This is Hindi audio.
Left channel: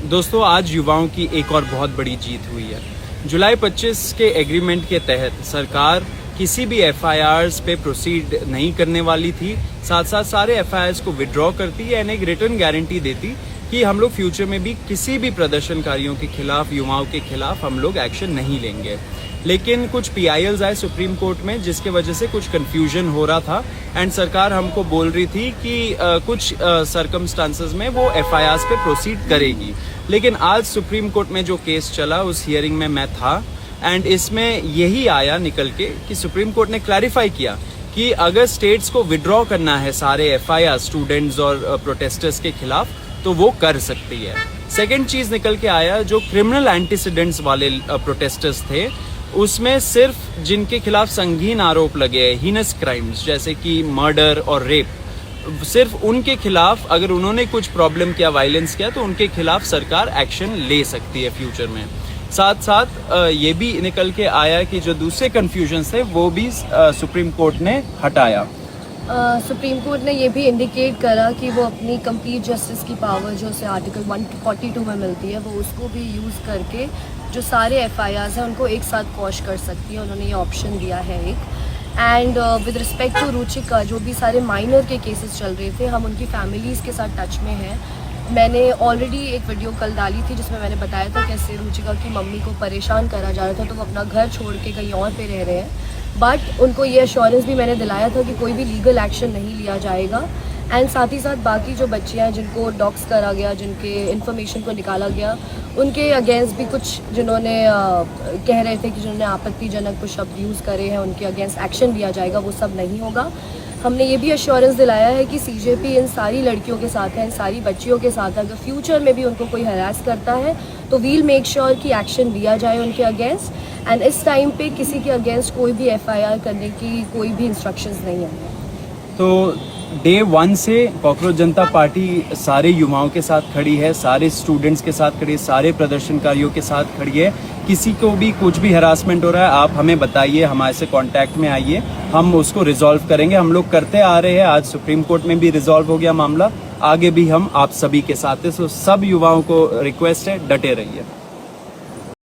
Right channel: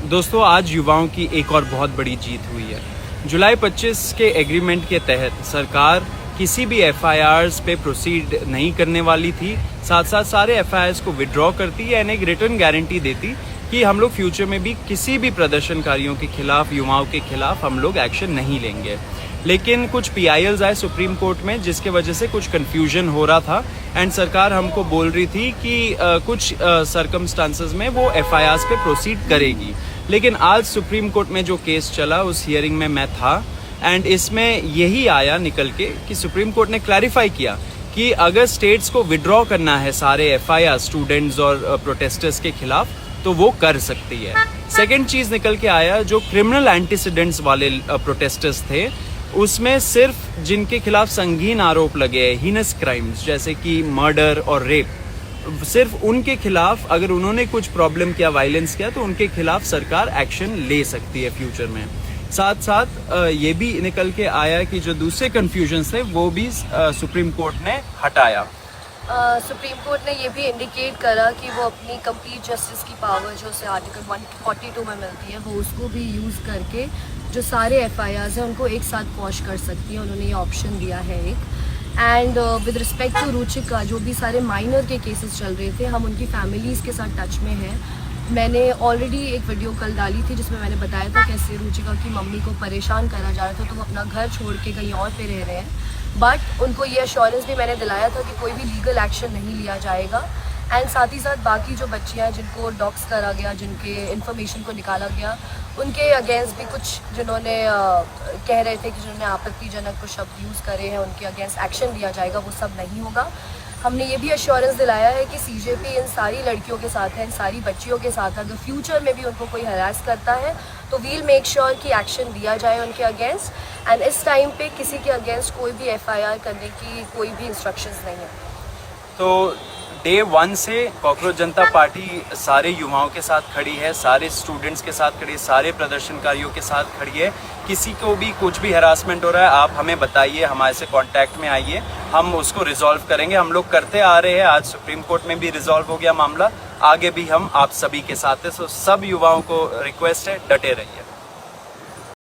दोस्तों, आज युवाओं की एक और बहुत बड़ी जीत हुई है। जुलाई 25 के एग्रीमेंट के तहत सरकार किसी भी एफआईआर्स पे प्रोसीड नहीं करने वाली थी। साथ साथ सारे एफआईआर्स को विड्रॉ करती है एंड एक रिटर्न गारंटी देती कि हम लोग फ्यूचर में भी किसी भी प्रदर्शनकारियों के खिलाफ, युवाओं के खिलाफ हम लोग एक्शन नहीं लेंगे। लेकिन कुछ पीआईएल्स आए सुप्रीम कोर्ट में, जिसके वजह से कुछ कंफ्यूजन हो रहा था एंड सरकार हमको बोल रही थी कि कुछ सर्कमस्टांसेस में वो एफआईआर्स पे प्रोसीड करेगी। लेकिन आज सुप्रीम कोर्ट में जो केस चला, उस हियरिंग में मैं था एंड इसमें यही आया निकल के कि सुप्रीम कोर्ट ने क्लैरिफाई किया कि अगर स्टेट्स को विड्रॉ करना है सारे एफआईआर स्टूडेंट्स और प्रोटेस्टर्स के खिलाफ, तो वो कर सकती है। सेकेंड चीज निकल के आया, जो क्रिमिनल एंटीसीडेंट्स वाले प्रोटेस्टर्स थे, उसमें सिर्फ जिनके खिलाफ संगीन आरोप लगे हैं, हीनस क्राइम्स जैसे कि मर्डर और रेप, सिर्फ उनके खिलाफ अगर उन्होंने कुछ प्रॉब्लम किया, वायलेंस किया, तो उनके खिलाफ सरकार एक्शन ले सकती है फ्यूचर में। साथ साथ ये भी निकल के आया कि जो दूसरे कंफ्यूजन थे वो भी सुप्रीम कोर्ट ने हटाया। सुप्रीम कोर्ट ने ये भी इंडिकेट करा कि वो अपनी कंप्लीट जस्टिस की पावर जो उसे आर्टिकल 142 में मिलती है, वो उसको भी यूज़ करके जो सारे एफआईआर्स हैं उनको एक साथ क्वॉश कर सकती है। उन्होंने ये ऑप्शन दिया है एक। And with respect to Ruchika, जो भी सारे माइनर के केसेस चल रहे थे, हम उनकी फैमिलीज़ के साथ टच में हैं। मैंने ऑलरेडी एक वीडियो कल डाली थी जिसमें मैंने बताया था कैसे रुचिका की मम्मी को परेशान करा जा रहा था, तो वो अपना घर छोड़ के कहीं और पे रह रहे हैं। बट उनको ये अश्योरेंस भी मैंने दिलाया था कि कोई भी लीगल एक्शन नहीं लिया जाएगा। एंड साथ ही साथ बाकी जो बच्चियाँ हैं जिनको डॉक्स करा गया, जिनके इन्फॉर्मेशन को निकाला गया, उनके अगेंस्ट भी कुछ जिन्होंने कह रहे थे कि जिन्होंने आपत्तिजनक कुछ शब्द यूज़ करे हैं, उनके अगेंस्ट एक्शन लिया जाएगा, वो सब नहीं होगा। हमने ये भी अश्योरेंस दिलाया है कि सीजेपी इन सारी लड़कियों के साथ है, इन सारी बच्चियों के साथ है। अगर फ्यूचर में भी उनको कोई हरास करता है तो वील मेक श्योर कि एक्शन लिया जाए उनके अगेंस्ट। एंड इस टाइम पे किसी के अगेंस्ट कोई भी एफआईआर करने की कोई भी इंस्ट्रक्शंस नहीं है। तो डे 1 से कॉकरोच जनता पार्टी सारे युवाओं के साथ खड़ी है, सारे स्टूडेंट्स के साथ खड़ी है, सारे प्रदर्शनकारियों के साथ खड़ी है। किसी को भी कुछ भी हरासमेंट हो रहा है, आप हमें बताइए, हमारे से कांटेक्ट में आइए, हम उसको रिजॉल्व करेंगे। हम लोग करते आ रहे हैं, आज सुप्रीम कोर्ट में भी रिजॉल्व हो गया मामला, आगे भी हम आप सभी के साथ हैं। सो सब युवाओं को रिक्वेस्ट है, डटे रहिए।